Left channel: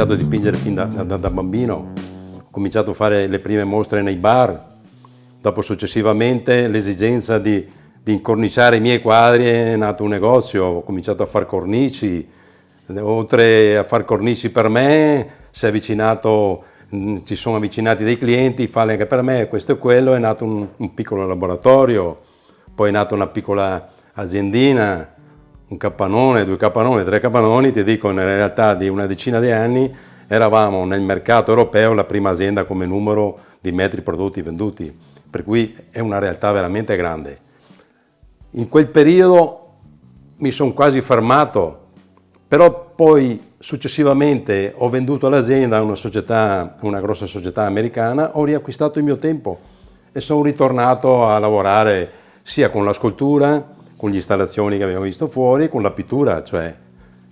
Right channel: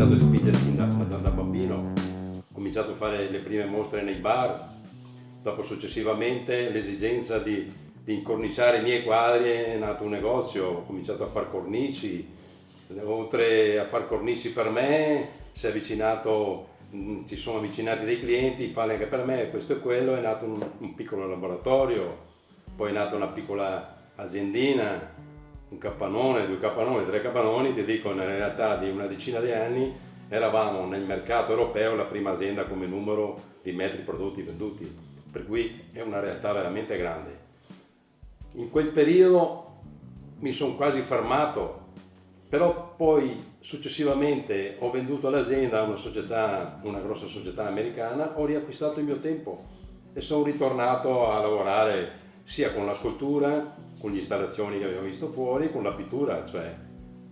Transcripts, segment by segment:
cominciato a dipingere fin da bambino, ho cominciato a fare le prime mostre nei bar, dopo successivamente l'esigenza di incorniciare i miei quadri è nato un negozio, ho cominciato a fare cornici, oltre a fare cornici per me ci sono avvicinati dei clienti, farle anche per me, questo e quello, è nato un piccolo laboratorio, poi è nata una piccola aziendina, un capannone, 2 capannoni, 3 capannoni, ti dico, in realtà di una decina di anni eravamo nel mercato europeo la prima azienda come numero di metri prodotti venduti, per cui è una realtà veramente grande. In quel periodo mi sono quasi fermato, però poi successivamente ho venduto l'azienda a una grossa società americana, ho riacquistato il mio tempo e sono ritornato a lavorare sia con la scultura, con le installazioni che abbiamo visto fuori, con la pittura, cioè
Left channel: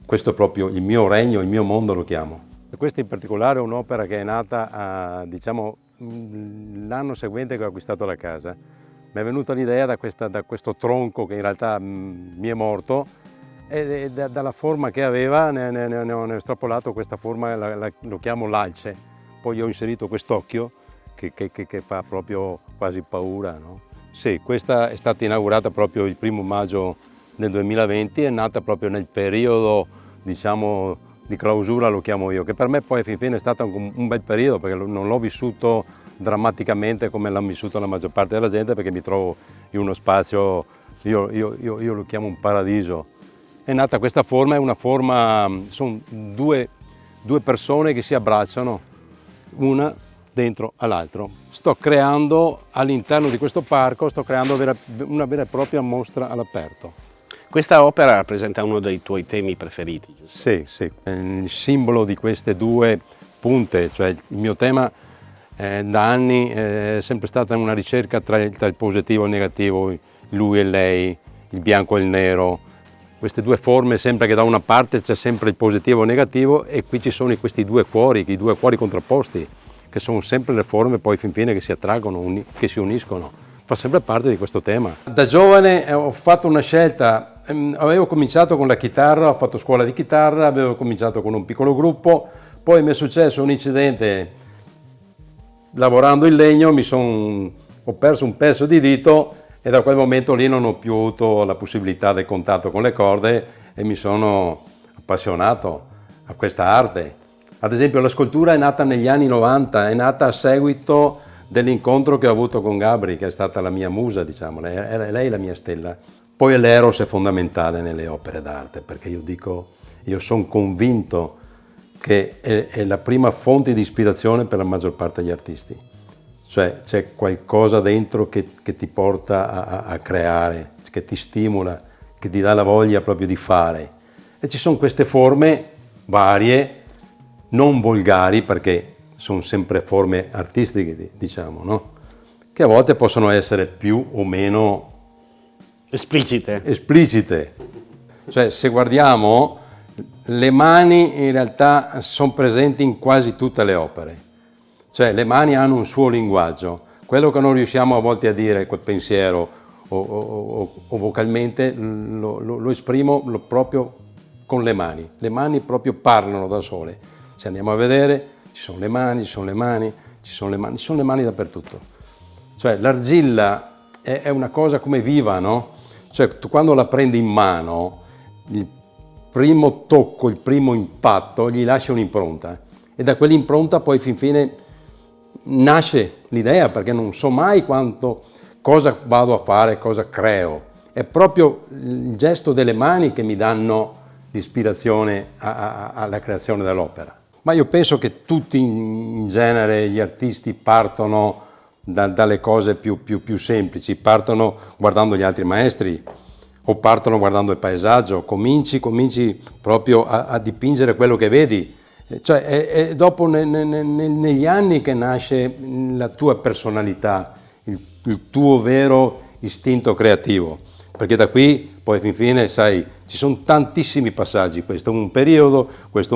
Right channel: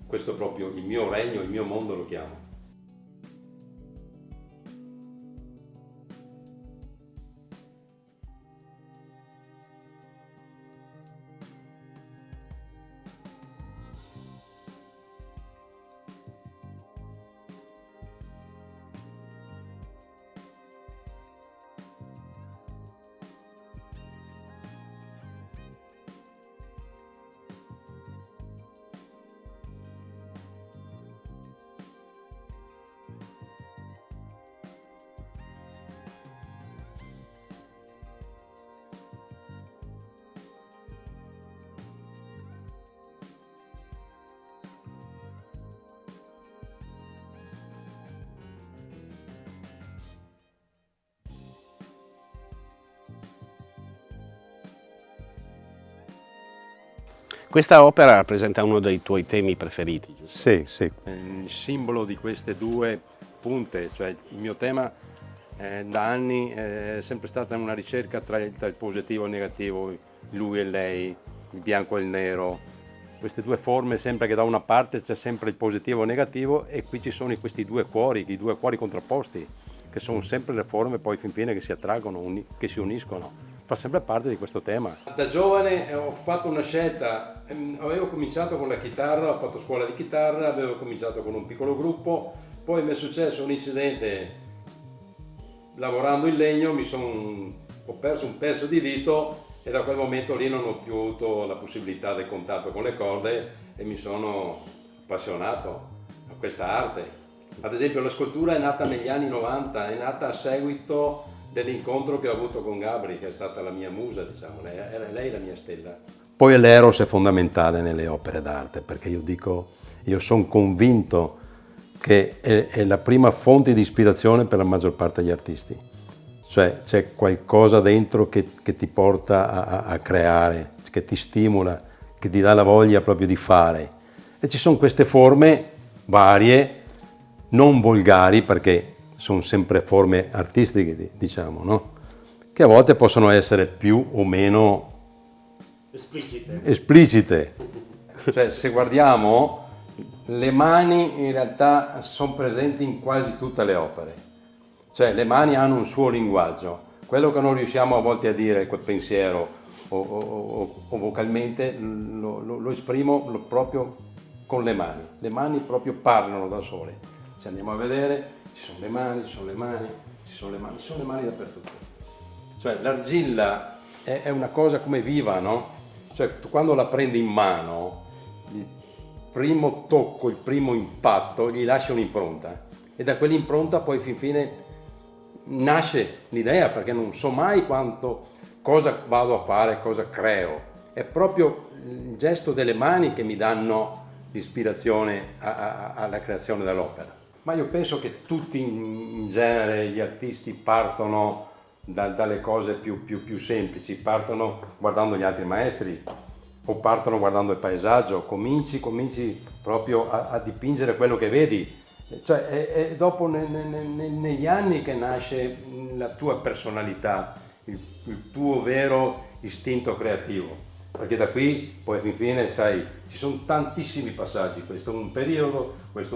questo è proprio il mio regno, il mio mondo lo chiamo. E questa in particolare è un'opera che è nata l'anno seguente che ho acquistato la casa. Mi è venuta l'idea da questo tronco che in realtà mi è morto, e dalla forma che aveva ne ho estrapolato questa forma, lo chiamo l'alce. Poi ho inserito quest'occhio che fa proprio quasi paura, no? Sì, questa è stata inaugurata proprio il 1° maggio del 2020, è nata proprio nel periodo, diciamo, di clausura, lo chiamo io, che per me poi fin fine è stato un bel periodo, perché non l'ho vissuto drammaticamente come l'ha vissuto la maggior parte della gente, perché mi trovo in uno spazio, io lo chiamo un paradiso. È nata questa forma, è una forma, sono due persone che si abbracciano, una dentro all'altro. Sto creando all'interno di questo parco, una vera e propria mostra all'aperto. Questa opera rappresenta uno dei tuoi temi preferiti, giusto? Sì, sì. Il simbolo di queste 2 punte, cioè il mio tema da anni è sempre stata una ricerca tra il positivo e il negativo, lui e lei, il bianco e il nero. Queste 2 forme, sempre che da una parte c'è sempre il positivo e il negativo, e qui ci sono questi 2 cuori, i 2 cuori contrapposti, che sono sempre le forme poi fin fine che si attraggono, che si uniscono. Fa sempre parte di questo tema. Da giovane ho fatto una scelta, avevo cominciato con la chitarra, ho fatto scuola di chitarra, avevo cominciato con un piccolo gruppo, poi mi è successo un incidente lavorando in legno, ho perso un pezzo di dito e da quel momento lì non ho più avuto la possibilità del contatto con le corde e mi sono appassionato a questa arte. Ad esempio la scultura è nata negli anni 90, è nata a seguito dell'incontro che ho avuto con Gabri, che è stata la mia musa, diciamo, lei la mia stella. Poi l'eros è fondamentale nelle opere d'arte, perché io sono convinto che è la prima fonte di ispirazione per la maggior parte degli artisti. Cioè c'è qualcosa dentro che ti porta a creare, che ti stimola, che ti dà la voglia proprio di fare. E ci sono queste forme varie, non volgari, perché sono sempre forme artistiche, diciamo, no? Che a volte possono essere più o meno esplicite. Cioè, se guardiamo, le mani in realtà sono presenti in quasi tutte le opere. Cioè, le mani hanno un suo linguaggio. Quello che non riusciamo a volte a dire, quel pensiero o vocalmente, lo esprimo proprio con le mani. Le mani proprio parlano da sole. Se andiamo a vedere, ci sono le mani, ci sono le mani, ci sono le mani dappertutto. Cioè l'argilla è una cosa come viva, no? Cioè tu quando la prendi in mano, il primo tocco, il primo impatto, gli lascia un'impronta. E da quell'impronta poi fin fine nasce l'idea, perché non so mai cosa vado a fare, cosa creo. È proprio il gesto delle mani che mi danno l'ispirazione alla creazione dell'opera. Ma io penso che tutti in genere gli artisti partono dalle cose più semplici, partono guardando gli altri maestri o partono guardando il paesaggio, cominci proprio a dipingere quello che vedi. Cioè è dopo negli anni che nasce la tua personalità, il tuo vero istinto creativo. Perché da qui poi fin fine, sai, ci sono tantissimi passaggi, questo è un periodo, quello è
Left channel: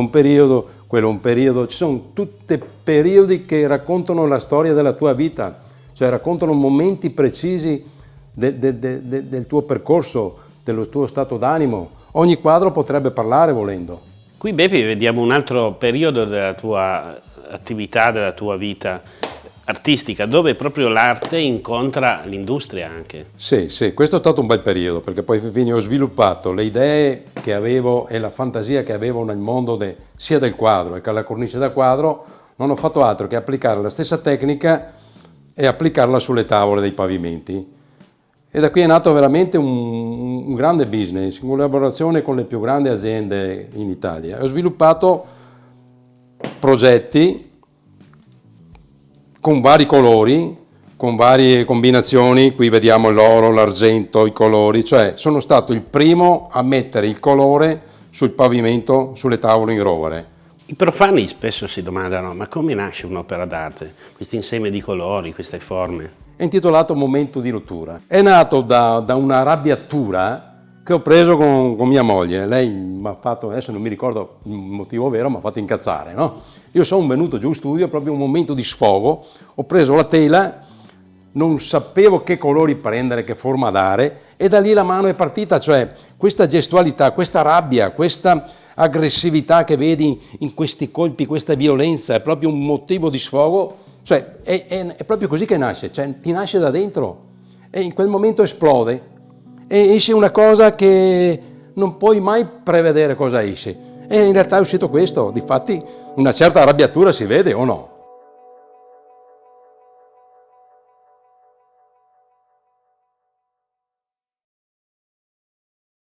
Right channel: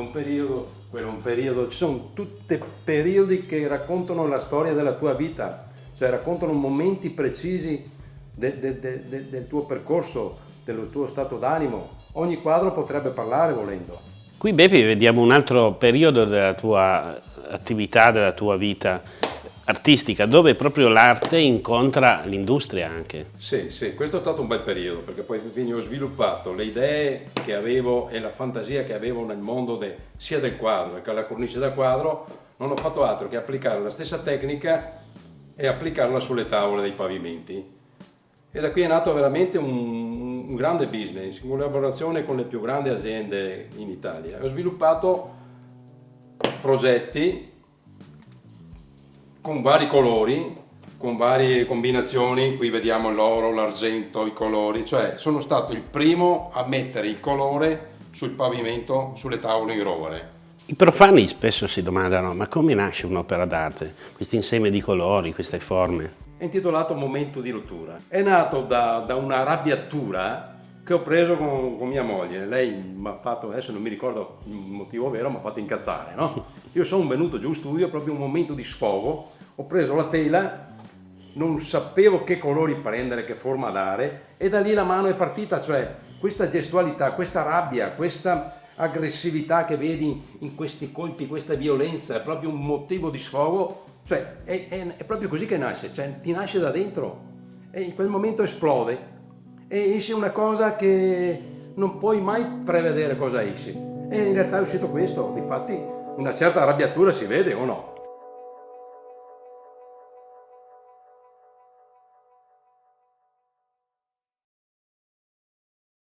un periodo, ci sono tutti periodi che raccontano la storia della tua vita, cioè raccontano momenti precisi del tuo percorso, del tuo stato d'animo. Ogni quadro potrebbe parlare volendo. Qui Bepi vediamo un altro periodo della tua attività, della tua vita artistica, dove proprio l'arte incontra l'industria anche. Sì, sì, questo è stato un bel periodo, perché poi ho sviluppato le idee che avevo e la fantasia che avevo nel mondo sia del quadro che alla cornice da quadro. Non ho fatto altro che applicare la stessa tecnica e applicarla sulle tavole dei pavimenti. E da qui è nato veramente un grande business, in collaborazione con le più grandi aziende in Italia. Ho sviluppato progetti con vari colori, con varie combinazioni. Qui vediamo l'oro, l'argento, i colori, cioè sono stato il primo a mettere il colore sul pavimento, sulle tavole in rovere. I profani spesso si domandano: ma come nasce un'opera d'arte? Questo insieme di colori, queste forme. È intitolato Momento di rottura. È nato da una arrabbiatura che ho preso con mia moglie. Lei mi ha fatto, adesso non mi ricordo il motivo vero, mi ha fatto incazzare, no? Io sono venuto giù in studio, proprio un momento di sfogo, ho preso la tela, non sapevo che colori prendere, che forma dare, e da lì la mano è partita, cioè questa gestualità, questa rabbia, questa aggressività che vedi in questi colpi, questa violenza, è proprio un motivo di sfogo, cioè è proprio così che nasce, cioè ti nasce da dentro e in quel momento esplode e esce una cosa che non puoi mai prevedere cosa esce, e in realtà è uscito questo. Difatti una certa arrabbiatura si vede o no?